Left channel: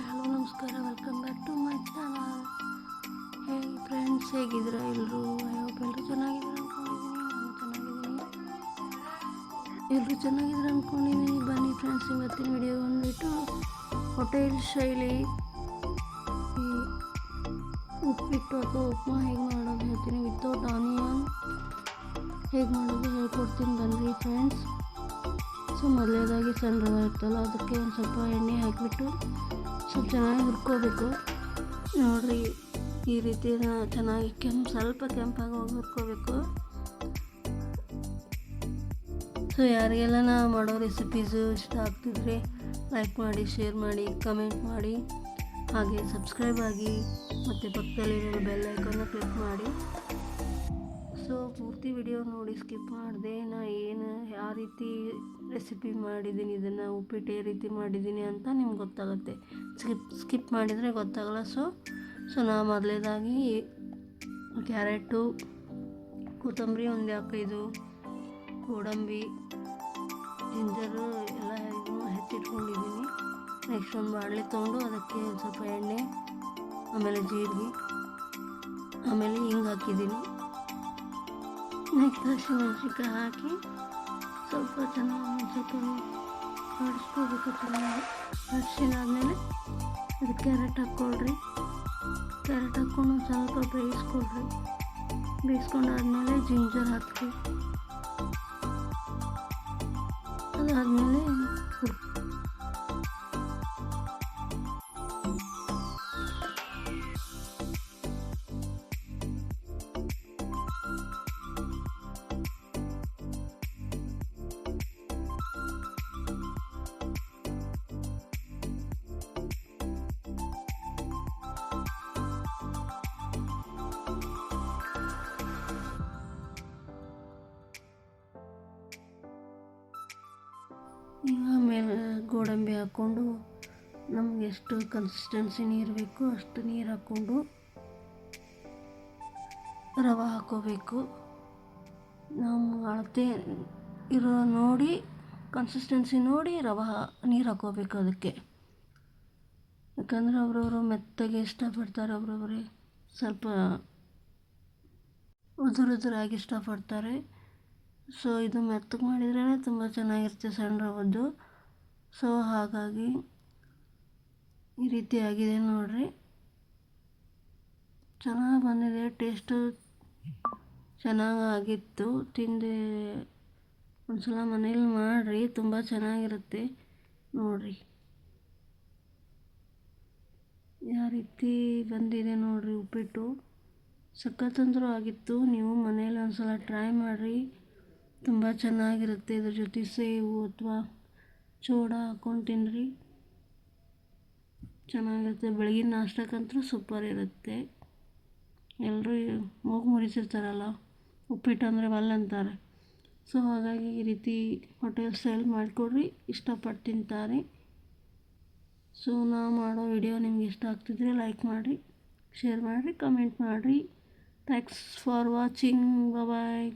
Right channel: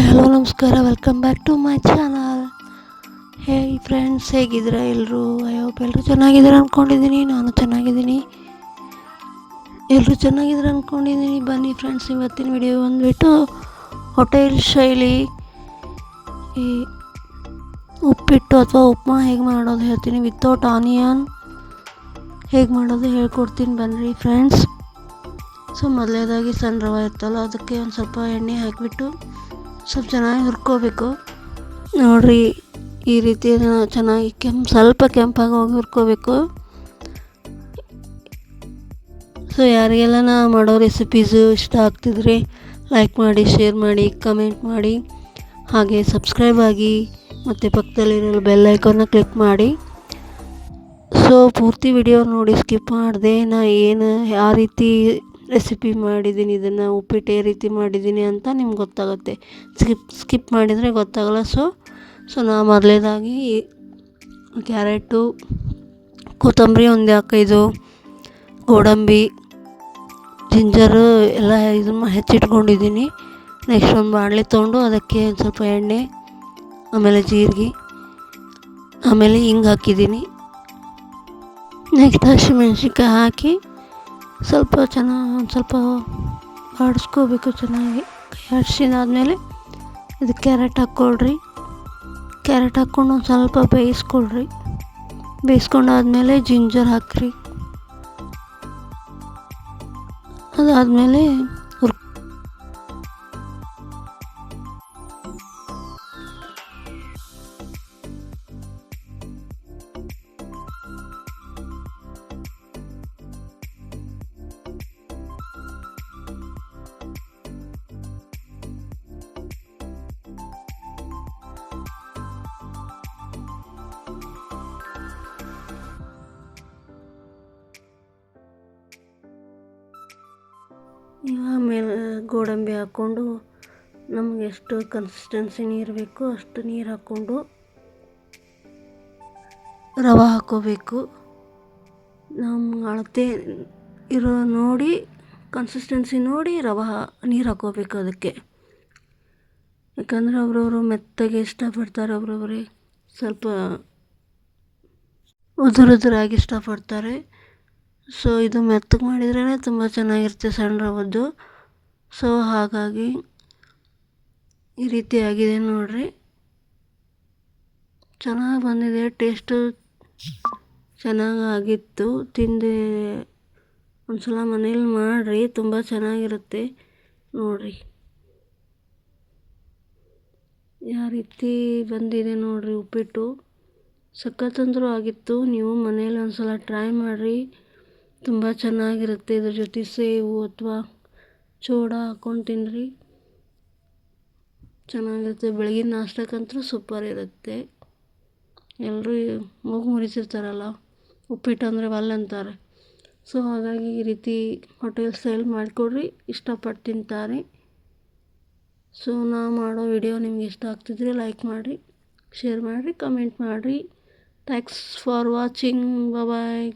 Hi hello ನಮಸ್ಕಾರ, welcome back to my channel. Hey friends, ಹೇಗಿದ್ದೀರಾ ಎಲ್ಲರೂ? ಐ ಹೋಪ್ ಎಲ್ಲರೂ ಚೆನ್ನಾಗಿದ್ದೀರಾ ಅಂದ್ಕೊಂಡಿದ್ದೀನಿ. ನಾನು ಚೆನ್ನಾಗಿದ್ದೀನಿ, ಎಲ್ಲರೂ ಚೆನ್ನಾಗಿದ್ದೀರಾ ಅಂದ್ಕೊಂಡಿದ್ದೀನಿ. ಬನ್ನಿ ಫ್ರೆಂಡ್ಸ್, ಇವತ್ತಿನ ವಿಡಿಯೋ ಬಂದುಬಿಟ್ಟು ಹೋಟೆಲ್ ಶೈಲಿ ಈ ಉಪ್ಪಿಟ್ಟು ಅಥವಾ ಉಪ್ಮಾ ಹೇಗೆ ಮಾಡೋದು ಹೇಳ್ತೀನಿ. ವಿತೌಟ್ ಆನಿಯನ್ ಹೇಗೆ ಮಾಡೋದು ಹೇಳ್ಕೊಡ್ತೀನಿ ಬನ್ನಿರಿ ಫ್ರೆಂಡ್ಸ್. ಸೊ ಮೊದಲೇದಾಗಿ ಸಣ್ಣ ರವೆ ಇರ್ತಲ್ಲ, ಅದಕ್ಕೆ ಒಂದು ಸ್ವಲ್ಪ ಎಣ್ಣೆ ಹಾಕಿಬಿಟ್ಟು ಸ್ವಲ್ಪ ಚೆನ್ನಾಗಿ ಹುರ್ಕೋಬೇಕು. ನೋಡಿರಿ, ಈ ರೀತಿ ಚೆನ್ನಾಗಿ ಸ್ವಲ್ಪ ಕೆಂಪಾಗಿ ಹೋಗಿ ಹುರ್ಕೋಬೇಕು. ಸೊ ಯಾರಿಗೆಲ್ಲ ನಾ ಮಾಡೋ ರೆಸಿಪೀಸು ಇಷ್ಟ ಆಗ್ತಿದ್ರೆ ಲೈಕ್ ಮಾಡಿ, ಶೇರ್ ಮಾಡಿ, ಕಮೆಂಟ್ ಮಾಡಿ, ಹಾಗೆ ಸಬ್ಸ್ಕ್ರೈಬ್ ಆಗಿ ಮತ್ತು ಪಕ್ಕದಲ್ಲಿರೋ ಬೆಲ್ ಐಕಾನ್ನ ಕ್ಲಿಕ್ ಮಾಡಿ. ಸೊ ಪೂರ್ತಿ ವಿಡಿಯೋ ನೋಡಿ, ಸ್ಕಿಪ್ ಮಾಡಿದೆ. ನಾ ಯಾವ ರೀತಿ ರೆಸಿಪಿ ಮಾಡಿದ್ದೀನಿ, ಇದನ್ನು ಉಪ್ಪಿಟ್ಟು ಯಾವ ರೀತಿ ಮಾಡಿದ್ದೀನಿ ಅಂತ ನಿಮ್ಗೆ ಗೊತ್ತಾಗುತ್ತೆ. ಸ್ಕಿಪ್ ಮಾಡಿದರೆ ಗೊತ್ತಾಗಲ್ಲ. ಸೊ ನಾ ಮೊದಲೇದಾಗಿ ಕ್ಯಾರೆಟು, ಕೊತ್ತಂಬರಿ ಒಂದು 5 ಗೋಡಂಬಿ, ಜಿಂಜರು ಎಲ್ಲ ಇದನ್ನು ಹೆಚ್ಚಿಟ್ಕೊಂಡಿದ್ದೀನಿ. ನೆಕ್ಸ್ಟ್ ಒಂದು ಬಾಣಲೆ ತೊಗೊಂಡು ಅದಕ್ಕೆ ಒಂದು ಸ್ವಲ್ಪ ಎಣ್ಣೆ, ಆಮೇಲೆ ಜೀರಿಗೆ, ಆಮೇಲೆ ಹಿಂಗೆ ಹಾಕಿದ್ದೀನಿ. ನೆಕ್ಸ್ಟ್ ಹಸಿಮೆಣ್ಸಿನ್ಕಾಯಿ ಹಾಕಿ ಸ್ವಲ್ಪ ಸ್ವಲ್ಪ ಆಡಿಸ್ಕೋಬೇಕು ಚೆನ್ನಾಗಿ. ಆಡಿಸಿದಾದ್ಮೇಲೆ ಇದಕ್ಕೆ ಕ್ಯಾರೆಟ್ ಹಾಕ್ಕೊಳ್ರಿ. ಕ್ಯಾರೆಟ್ ಹಾಕ್ಕೊಂಡು ಒಂದು ಸ್ವಲ್ಪ ಬೇಯಿಸ್ಕೊಳ್ರಿ. ಬೇಯಿಸ್ಕೊಂಡಾದ್ಮೇಲೆ ಜಿಂಜರ್ ಹಾಕ್ರಿ. ಅದಾದಮೇಲೆ ಆಮೇಲೆ ಗೋಡಂಬಿ ಹಾಕ್ಕೊಂಡು ನಮಗೆ ಎಷ್ಟು ಕನ್ಸಿಸ್ಟೆನ್ಸಿ ನೀರು ಬೇಕೋ ಅಷ್ಟು ನೀರು ಹಾಕ್ಕೊಂಡು ರವೆ ಹಾಕ್ಕೋಬೇಕು. ನಮ್ಮ ಅಳತೆ ಇರೋ ನೋಡಿ, ಕನ್ಸಿಸ್ಟೆನ್ಸಿ ನೋಡಿ ನೀರು ಹಾಕ್ಕೋಬೇಕು ಅದಕ್ಕೆ. ಯಾಕಂದರೆ ಒಬ್ರೊಬ್ರು ಮೆತ್ತಗೆ ಇಷ್ಟಪಡ್ತಾರೆ, ಒಬ್ರೊಬ್ರಿಗೆ ಸ್ವಲ್ಪ ಉದುರಾಗಿ ಇಷ್ಟಪಡ್ತಾರೆ. ಸೊ ಇದು ಮೆತ್ತಗೆ ಮಾಡಿದ್ರೇ ತುಂಬ ಚೆನ್ನಾಗಿರುತ್ತೆ ಸಣ್ಣ ರವದ್ದು. ಸೊ ಹಾಗಾಗಿ ಈ ರೀತಿ ಆಗಿದೆ ನೋಡಿರಿ, ಚೆನ್ನಾಗಿ ಬಂದಿದೆ. ಟೇಸ್ಟು ಚೆನ್ನಾಗಿತ್ತು. ತಿಂದೆ ಒಂದ್ಸಲ ಮನೇಲಿ ಮಾಡಿರಿ, ತುಂಬ ಚೆನ್ನಾಗಿರುತ್ತೆ ನೋಡಿರಿ. ಯಾವ ರೀತಿ ಬಂದಿದೆ ನೋಡಿರಿ ಉಪ್ಪಿಟ್ಟು, ಸಖತ್ತಂದ್ರೂ ಆಗಿತ್ತು. ನೀವು ಮನೇಲಿ ಒಂದ್ಸಲ ಟ್ರೈ ಮಾಡಿರಿ, ತುಂಬ ಚೆನ್ನಾಗಿರುತ್ತೆ. ಇದ್ರ ಜೊತೆ ಸೇವು ಅಥವಾ ಚೂಡ ಹಾಕ್ಕೊಂಡು ತಿನ್ನಿರಿ, ಚೆನ್ನಾಗಿರುತ್ತೆ. ಬೆಳಗಿನ ನಾಷ್ಟಕ್ಕಂತೂ ಸೂಪರ್ ಇರುತ್ತೆ. ಎಲ್ಲರೂ ಮೂಗು ಮುರಿತಿರ್ತಾರಲ್ಲ, ಉಪ್ಪಿಟ್ಟು ಅಂದರೆ ಒಲ್ಲೆ ಅಂತಾರೆ. ಸೊ ಹಾಗಾಗಿ ಈ ರೀತಿ ಹೋಟೆಲ್ ಸ್ಟೈಲ್ ಮಾಡಿಕೊಡ್ರಿ, ಇಷ್ಟಪಟ್ಟು ತಿಂತಾರೆ. ಸೊ ನಾ ಮಾಡೋ ವಿಡಿಯೋ ನಿಮ್ಗೆ ಇಷ್ಟ ಆಗ್ತಿದ್ರೆ ಲೈಕ್ ಮಾಡಿ, ಶೇರ್ ಮಾಡಿ, ಕಮೆಂಟ್ ಮಾಡಿ. Thanks for watching. ಬಾಯ್.